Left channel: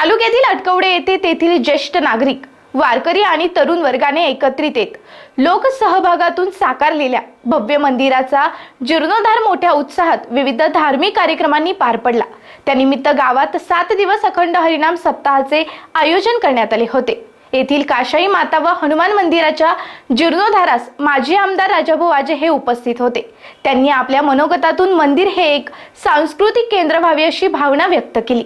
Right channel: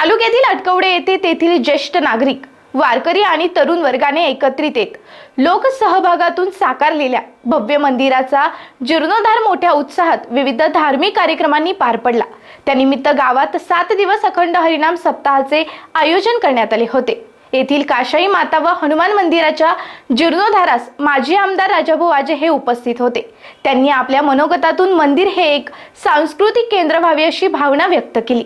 तालुक्यातील अटकवडे येथे तेथील ज्येष्ठ नागरिक वारकरी आणि तरुण वर्गाने एकत्रित येत लोकसहभागातून साकारलेल्या भव्य मंदिराचा जीर्णोद्धार मोठ्या उत्साहात विविध धार्मिक कार्यक्रमांनी पार पडला. त्यानिमित्त गावात सात दिवस अखंड हरिनाम सप्ताहाचे आयोजन करण्यात आले होते. येथील काशाई माता व हनुमान मंदिराच्या जीर्णोद्धारास माजी आमदार राजाभाऊ आजे हे उपस्थित होते. त्यांनी आपल्या मनोगतातून मंदिर हे एक सांस्कृतिक केंद्र व्हावे अशी भावना व्यक्त केली.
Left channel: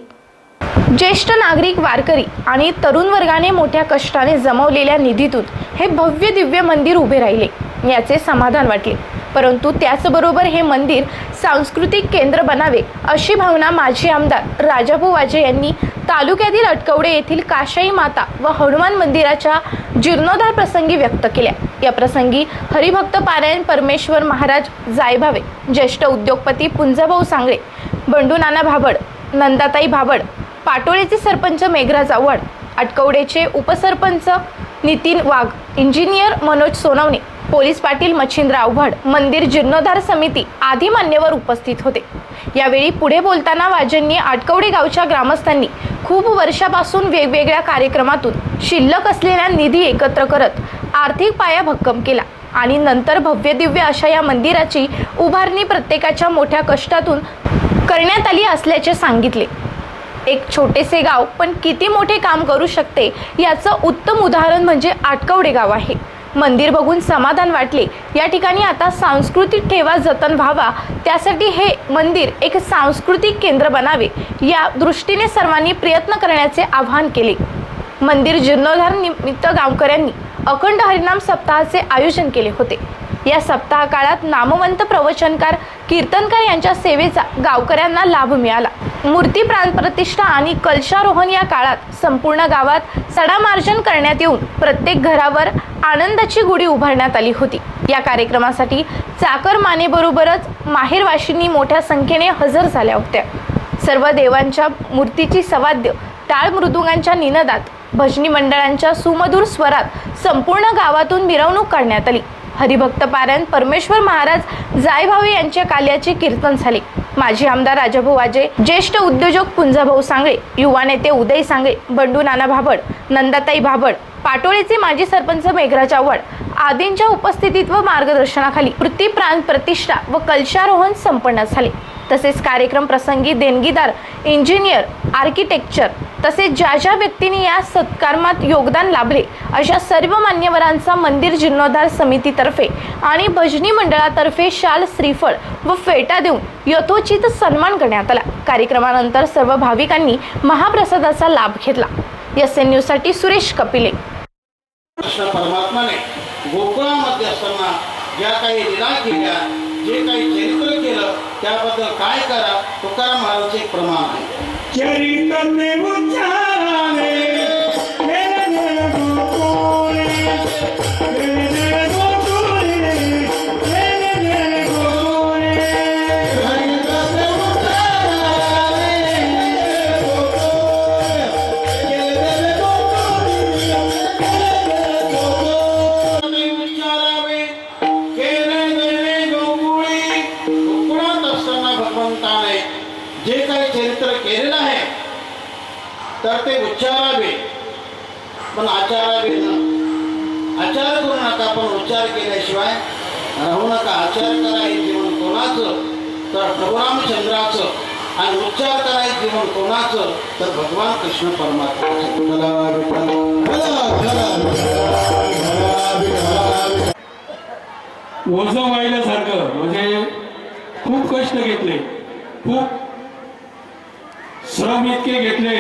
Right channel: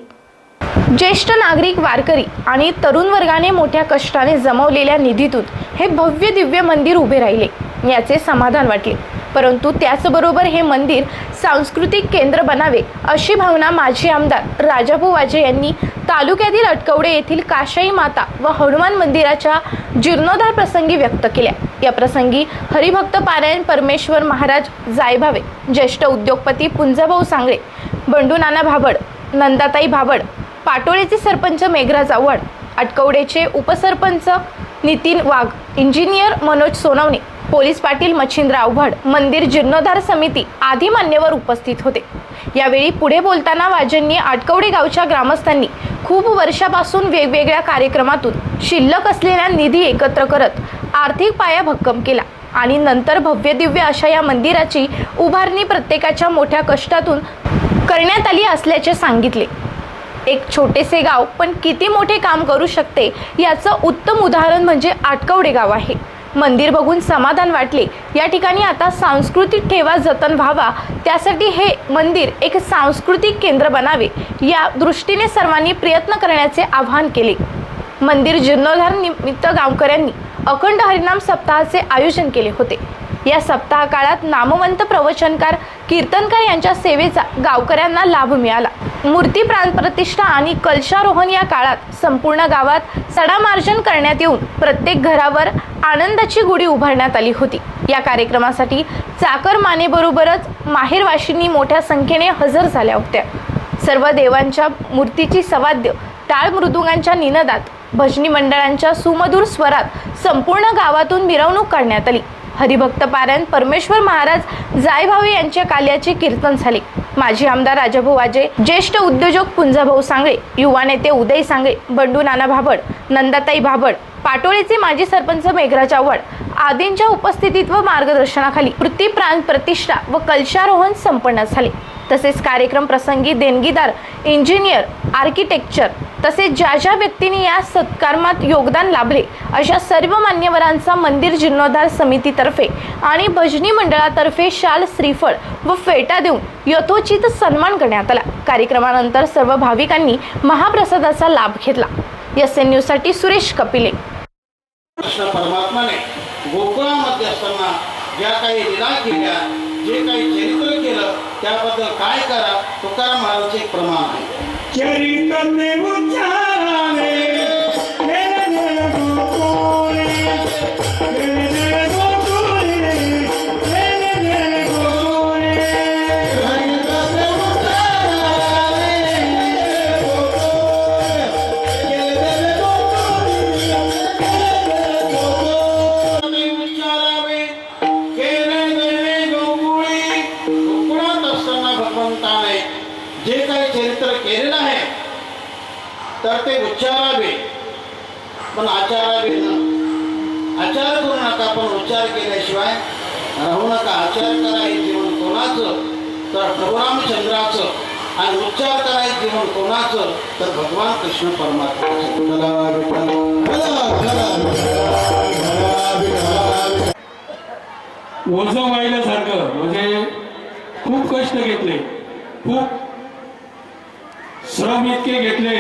ज्येष्ठ नागरिक वारकरी आणि तरुण वर्गाने मोठ्या कष्टाने जमवलेल्या निधीतून हे भव्य दिव्य मंदिर उभे राहिले याचे समाधान वाटले. परंतु त्याचबरोबर हे मंदिर सांस्कृतिक केंद्र बनावे अशी भावना माजी आमदार राजाभाऊ वाजे यांनी तालुक्यातील अटकवडे येथील काशाई माता व हनुमान मंदिराच्या जीर्णोद्धार प्रसंगी व्यक्त केल्या. या प्रसंगी हरिभक्त पारायण परमेश्वर महाराज जायभावे ज्येष्ठ उद्योगपती पुंजाभाऊ सांगळे बंडू नाना भाबड नंदाताई भाबड पाटोळेचे सरपंच मेघराज आव्हाड अटकवडेचे उपसरपंच नितीन वाघ इंजिनियर मनोज सोनवणे पोलीस पाटील मच्छिंद्र आव्हाड मंदिर जीर्णोद्धार समिती आदी मान्यवर उपस्थित होते. यावेळी पुढे बोलताना वाजेंनी आटकवडे गावच्या ग्रामस्थांनी खूप वर्षापासून वेगवेगळ्या कार्यक्रमातून शिल्लक असलेला निधी एकत्र करत आर्थिक पाया भक्कम केला आणि नंतर भव्य दिव्य अशा या मंदिराची उभारणी प्रत्येकाच्या मोठ्या कष्टातून करण्यात आली असल्याचे सांगितले. एक छोटेसे गाव पण किती मोठे काम करू शकते याचं उत्तम उदाहरण म्हणजे आटकवडे गाव आहे. मंदिर बघून समाधान वाटले. या ठिकाणी आता सांस्कृतिक ठेवा जतन व्हावा. त्यासाठी हे मंदिर एक सांस्कृतिक केंद्र बनावे. या दृष्टीने सर्वांनी प्रयत्न करण्याचे आवाहन केले. मंदिर जीर्णोद्धार निमित्त गावकऱ्यांनी अखंड हरिनाम सप्ताहाचे आयोजन केले होते. या सप्ताह काळात नामवंत प्रवचनकार कीर्तनकार यांच्या सेवेचा गावकऱ्यांना लाभ मिळाला. मूर्ती प्राणप्रतिष्ठा आणि कलशारोहण या काळात संपूर्ण गावात सडामार्जन करण्यात येऊन प्रत्येक घरावर आनंदाची गुढी उभारण्यात आली होती. या कार्यक्रमासाठी चाकर मानेबरोबरच माहेरवाशींनी मोठ्या संख्येने हजर झाल्या होत्या. सर्व देवांच्या मूर्तीची सवाद्य टाळ मृदुंगांच्या निनदात भजनी मंडळांच्या सुमधुर स्वरात संपूर्ण गावातून मिरवणूक करण्यात आली. हरिभक्त पारायण परमेश्वर महाराज जायभावे यांच्या काल्याचे कीर्तन झाले. माजी आमदार राजाभाऊ वाजे ज्येष्ठ उद्योजक पुंजाभाऊ सांगळे युवा नेते उदय सांगळे बंडू नाना भाबड नंदाताई भाबड पाटोळेचे माजी सरपंच मेघराज आव्हाड आदींच्या उपस्थितीत व मार्गदर्शनाखाली वृत्ती प्राण प्रतिष्ठा व कलशारोहण संपन्न झाले. तसेच कार्यक्रम प्रसंगी देणगीदार इंजिनियर आर्किटेक्चर तसेच ज्या ज्या व्यक्तींनी या सत्कर्मात योगदान लाभले अशा सर्व मान्यवरांचा मंदिर जीर्णोद्धार समितीतर्फे आणि भजनी मंडळातर्फे शाल श्रीफळ व फेटा देऊन यथोचित सन्मान करण्यात आला. कार्यक्रमानंतर सर्व भाविकांनी महाप्रसादाचा लाभ घेतला. एस एन न्यूजसाठी सुरेश कपिले. परमात्माने गोकुळामध्ये असताना ज्या काही केल्या जे काही त्याबद्दल काय करा? तुकाराम महाराजांचे एक प्रमाण आहे. तर ते उच्चारावे. पण आचारावे ना? आचार करू नका पण उच्चार केल्याशिवाय राहू नका. आचार करा हे जीवन कोणाचं? तर प्रभुरामचंद्राचं आणि उच्चार करायचं जीवन कोणाचं? तर भगवान कृष्ण परमात्मा ओझं वाहिल्यासारखं म्हणजे खूप कष्ट घेतले खूप श्रम इतके घेतले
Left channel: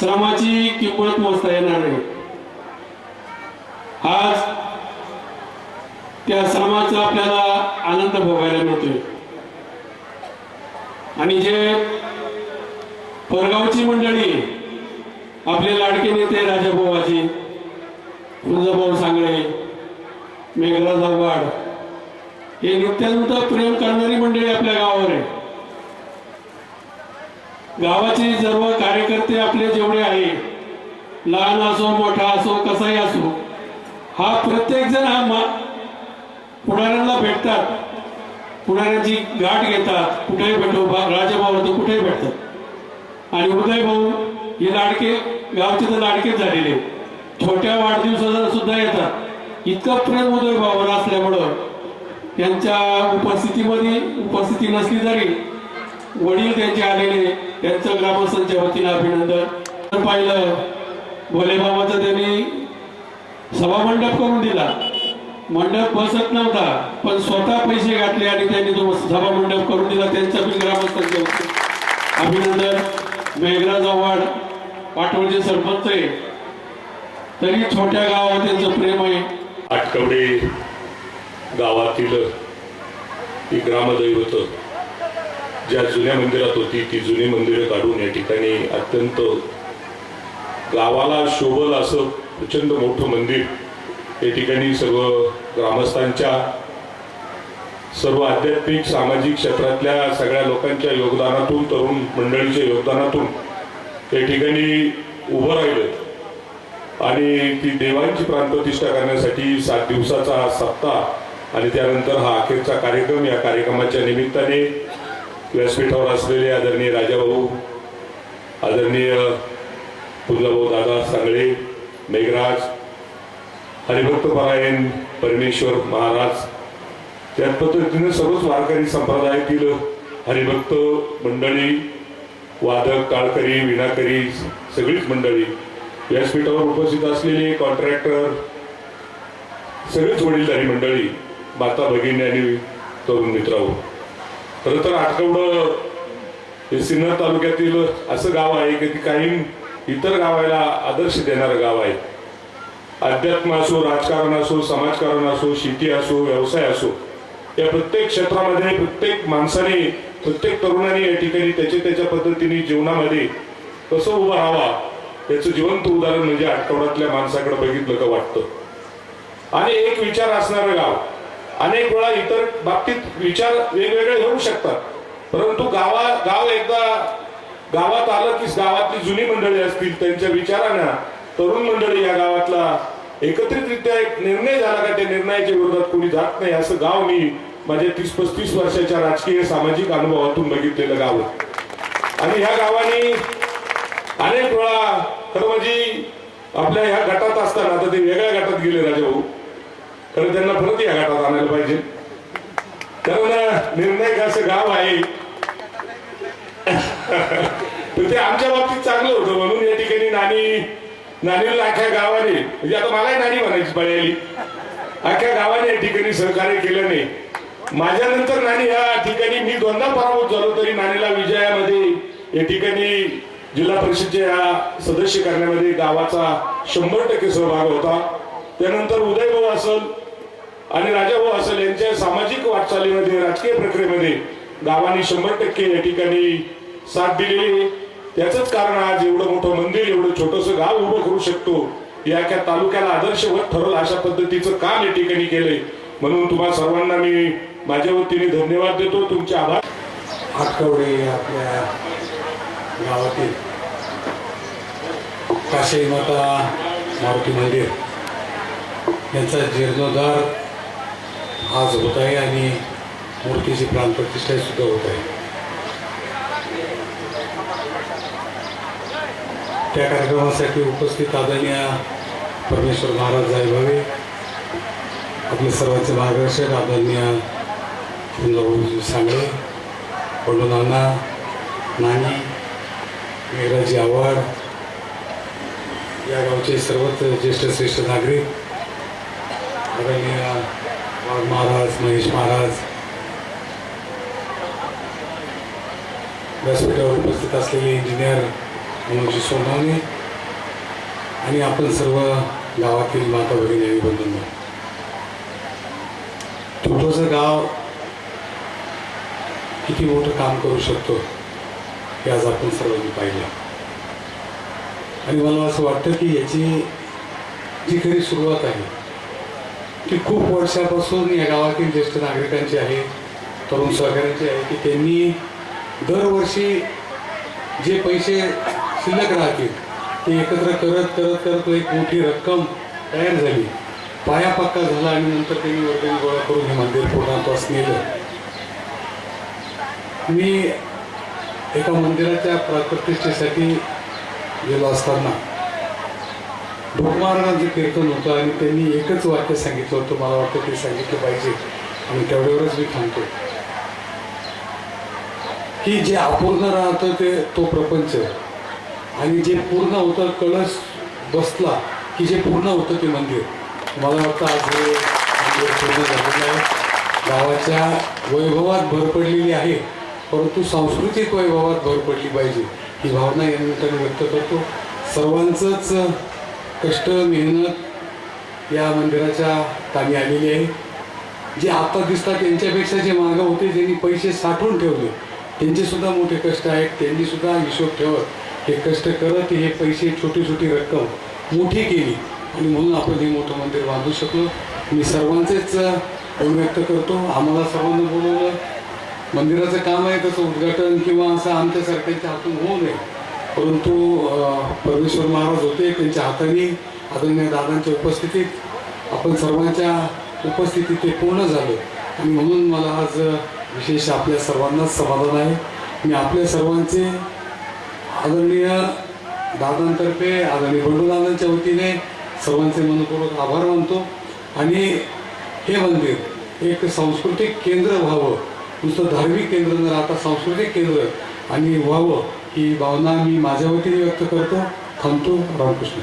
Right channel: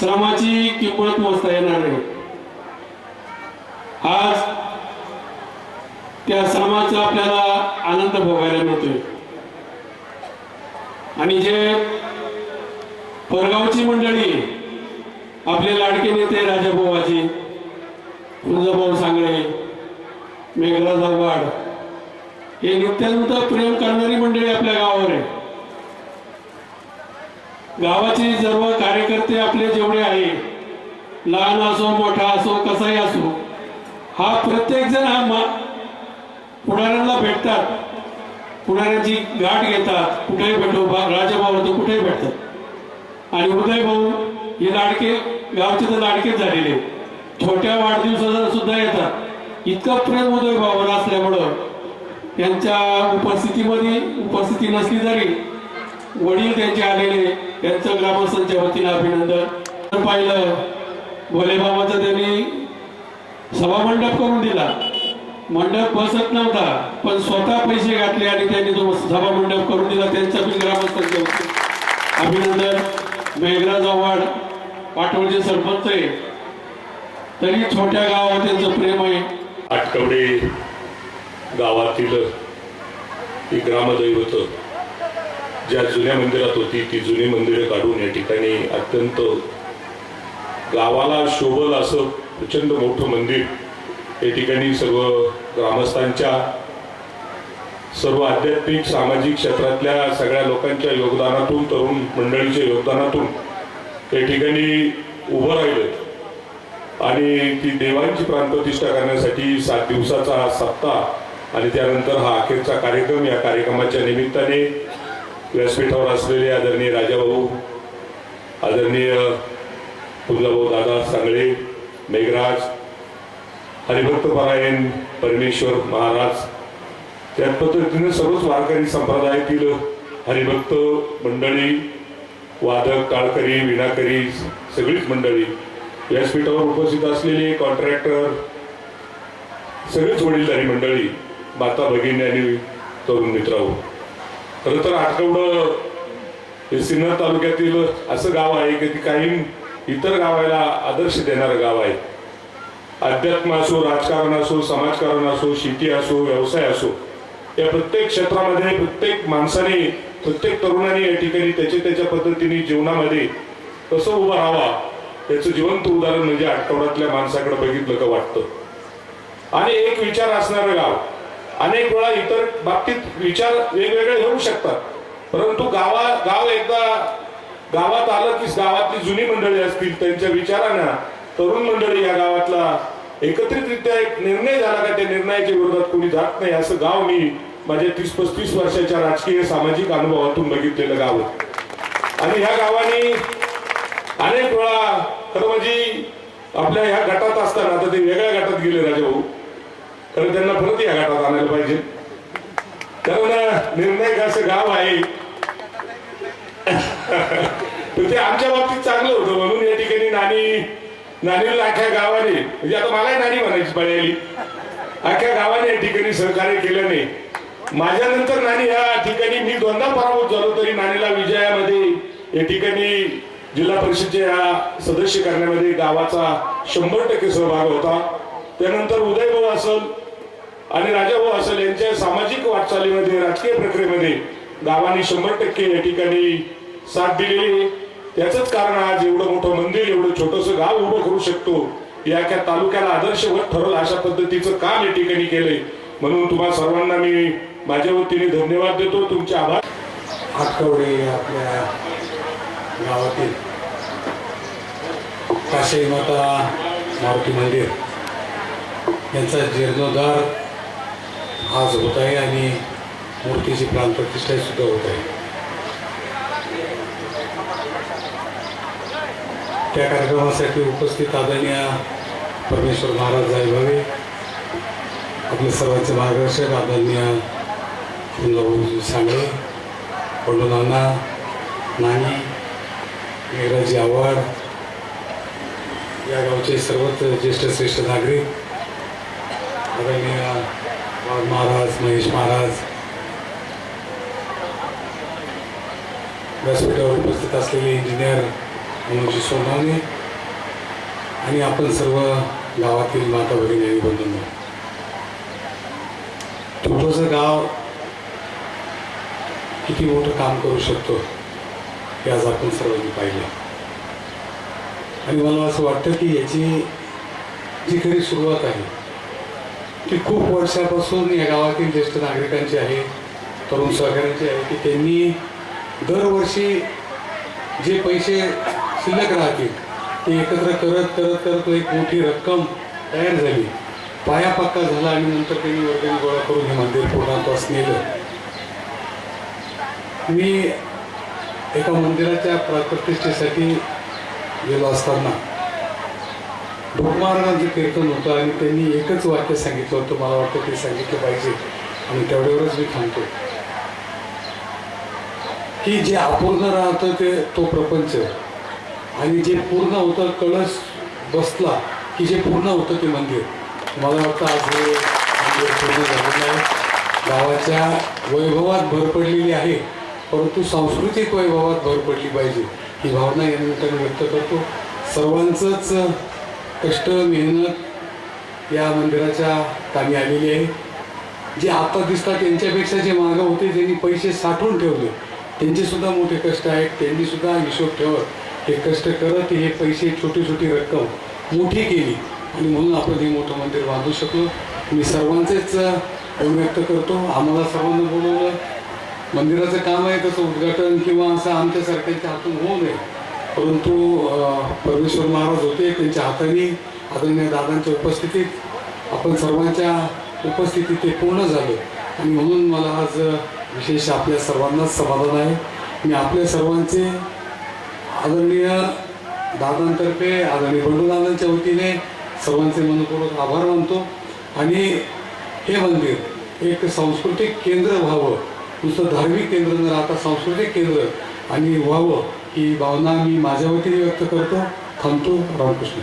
श्रमाची किंमत मोजता येणार नाही. आज त्या श्रमाचा आपल्याला आनंद भोगायला मिळतोय. आणि जे परगावची मंडळी आपले लाडके नेते राजाभाऊजी तुळजाभाऊ सांगळे मेघराज आव्हाड हे नित्यानंतर प्रेम करणारी मंडळी आपल्या गावावर आहे. गावाचे सर्व कार्यकर्ते आपले जेवढे आहे लहान असो मोठा असो कसाही असो हा प्रत्येक जण हा मा पुढाऱ्यांना भेटतात. पुढाऱ्यांची गाठ घेतात. कुठेही भेटो राजाभाऊ होतो कुठेही भेटतात. आणि उदय भाऊ हे लाडके गावचे तर लाडकेच झालेले छोट्या वाढदिवसाला सुद्धा येतात. इतकं प्रेम उदय भावाला असल्यामुळं त्यांच्या उपस्थितीमध्ये उपस्थिती नसली तरी वडील त्यांचे आलेले त्यांचं ग्रामस्थांच्या वतीनं अभिनंदन. तर पाहिलं भोलेबाबाचं त्यांनी सभा मंडप करून दिला. मंडप बसत नव्हता पण स्वतः पैसे घातले आणि त्यांनी तो सभा मंडप करून दिला. त्यांचं बी ग्रामस्थांच्या वतीनं अभिनंदन. मेघराज आव्हाड पाटोळचे सरपंच आहे. तरी छोट्या गावात त्यांचं प्रेम आहे. आटकवडे गावातील ही ग्रामदैवत ज्या जुन्या मंदिरात होती ती जुनी मंदिरं काढून या ठिकाणी अत्यंत गावाला शोभल असं प्रचंड मोठं मंदिर या ठिकाणी सर्व ग्रामस्थांच्या सर्व आध्यात्मिक सामाजिक क्षेत्रातल्या सगळ्या लोकांच्या योगदानातून तरुण मंडळीच्या योगदानातून या ठिकाणी उभं राहिलं. आणि ती देवांची प्राणप्रतिष्ठा करण्यासाठी सात दिवसाचा हा सप्ताह आणि त्यानंतर हा अखेरचा कार्यक्रम या कार्यक्रमाच्या निमित्ताने व्यासपीठावर असलेले आदरणीय राजाभाऊ आदरणीय तुळजाभाऊ दादा सांगळे मेघराज हरिभक्त पारायण परमेश्वर महाराज त्या पद्धतीने सर्वच वारकरी संप्रदायातील हरिभक्त मंडळी वादक काळकरी विणाकरी सगळीच मंडळी व्यासपीठावर उपस्थित असलेले कॉन्ट्रॅक्टर सगळीच वडीलधारी मंडळी माता भगिनी आणि तरुण मित्रांनो. खरं तर आठवडं हे सिन्नर तालुक्यातील असं गाव आहे की ती काही इतर गावाला आदर्श देणारं गाव आहे. अध्यात्म असो राजकारण असो समाजकारण असो शेती असो व्यवसाय असो या प्रत्येक क्षेत्रामध्ये प्रत्येक माणसाने प्रत्येक तरुणाने या ठिकाणी त्याच्या त्याच्या पद्धतीने जीवनामध्ये कसं उभं राहावा याचं जिवंत उदाहरण म्हणजे आठवड्यातल्या माणसाकडे बघितलं का वाटतं. आणि एक विचार असणारं गाव अनेक वेळा इतर बाबतीत विचार वेगवेगळे होऊ शकतात. परंतु गावा गाव एकदा गावात आलं की गावातली जुनी मंडळी असतील त्यांच्या विचारांना तरुण मंडळी या गावातला एकत्रितरित्या एक निर्णय झाला का त्या निर्णयाच्या विरोधात कोणी जात नाही असं गाव मी माझ्या तीस पस्तीस वर्षाच्या राजकीय सामाजिक अनुभवातून बघितलेलं गाव आणि ह्या गावाने अनेक वेळा खरं म्हणजे आपल्या ह्या गटात असताना आता ते वेगळ्या गटात गेले राजाभाऊ तर त्यांना परत या गटात आणायला पाहिजे. कारण निर्णय असं गाव आहे. ते आमच्या बाबतीत चांगलं होतं. म्हणून या ठिकाणी नानी नानीला अख्ख्या गावाने म्हणजे आता मलाही नानी म्हणायची पाळी अख्ख्या गावाने या ठिकाणी सहकार्य केल्याने माझ्यानंतर नानी या ठिकाणी मी दोनदा पराभूत झालो तरी नानीला विजयामध्ये या ठिकाणी जिल्हा परिषदच्या या सदस्य करण्यामध्ये गावाचा शंभर टक्के सहभाग होता. त्यानंतर उदयभाऊ असल आणि राजा भाऊ असेल यांच्या सामाजिक वाटचालीमध्ये राजकीय प्रक्रियेमध्ये गावाने शंभर टक्के या ठिकाणी साथ दिलेली त्याचंच कारण आज एवढं मोठं मंदिर एवढं छोटस गाव उभं करू शकतो या एका तालुक्याला आदर्शवत ठरवलं अशा पद्धतीचं काम या ठिकाणी केलंय. म्हणून तुम्हा सर्वांना मी माझ्या वतीने धन्यवाद देतो. तुमचे आभार. आठवडे आपल्या गावातील काशी माता मारुती मंदिर. यांचा जीर्णोद्धार आज होत आहे आणि मूर्तीची प्राणप्रतिष्ठा सुद्धा होत आहे. त्या कार्यक्रमासाठी उपस्थित आदरणीय परमेश्वर महाराज जायभावे आपले सर्वांचे मार्गदर्शक आदरणीय फुलभाऊ सांगळे बंडू नाना नानी मेघराजी आव्हाड या गावचे सर्वच ज्येष्ठ श्रेष्ठ नागरिक आदरणीय वाघ महाराज महेश महाराज. व्यासपीठावर उपस्थित असलेले इंजिनियर मनोजी सोनवणे आणि आपण सर्व गावातील माता भगिनी आणि बंधूंनो. छोटंसं गाव किती मोठं काम करू शकतो हे आज आपण सर्वांनी पाहिलं. आणि मला असं वाटतं की याची जी खरी सुरुवात आहे की खूप वर्षापासून या गावातील ज्येष्ठ नागरिकांची आहे तरुण सहकाऱ्यांची आहे की त्यांनी दरवर्षी जे पैसे शिल्लक राहतील ते एकत्र करत करत करत एक मोठी रक्कम तयार झाली. पाया पक्का झाला आणि नंतर त्यांनी वर्गणी गोळा करून हे मंदिर पूर्णत्वास नेलं. मी एका मंदिराच्या प्राणप्रतिष्ठेसाठी गेलो असताना महाराजांचं कीर्तन होतं आणि त्यांनी एकच वाक्य सांगितलं होतं मला वाटतं ते सांगितलं पाहिजे. आणि तेवढ्यावरच मी थांबतो. की जे अपूर्ण राहतं ते तो प्रपंच. आणि जे पूर्ण होतं कळस बसला की जे पूर्ण होतं ते मंदिर. मला वाटतं आज हे मंदिर पूर्ण झालेलं आहे. गावाच्या वैभवात भर पडलेली आहे परंतु सांस्कृतिक वैभवात भर पडली पाहिजे ही भावना या निमित्ताने व्यक्त करतो. सर्वांचंच कष्ट मेहनत या मंदिराच्या कामी आलेली आहे. जे आता दिसतात त्यांच्यापेक्षा जे मागं होते ज्यांनी पैसे साठवून ठेवले. त्यांचेसुद्धा मोठे कष्ट आहेत. त्यांनीसुद्धा हिशोब ठेवत हे कष्ट करत हे पैसे छोटी छोटी रक्कम मोठी केली. आणि म्हणून आपण हे मोठं मंदिर बांधू शकलो. मी सर्वांचेच व्यक्त करतो. आम्हाला सर्वांना बोलवलं. मंदिराचं काम आहे त्याचं उद्घाटन किंवा असं आमच्यासारख्यांच्या हातून होऊ नये. परंतु परमेश्वर महाराज होते त्यांच्या हाताने आदरणीय दादांच्या उपस्थितीत आपण सर्वांच्या उपस्थितीत ते पूर्ण झालं. आणि म्हणून मला आज विशेष आपल्या सर्वांनाच समाधान आहे. मी आपल्या सर्वांचे आदरणीय दादांतर्फे आदरणीय बंडूदादांच्या वतीने सर्वांचे मनपूर्वक आभार मानतो. आणि हे मंदिर एक सांस्कृतिक केंद्र व्हावं. नुसतं धार्मिक केंद्र न राहता सांस्कृतिक केंद्र आणि व्हावं ही भावना मी माझ्या वतीने व्यक्त करतो. थांबतो. रामकृष्ण.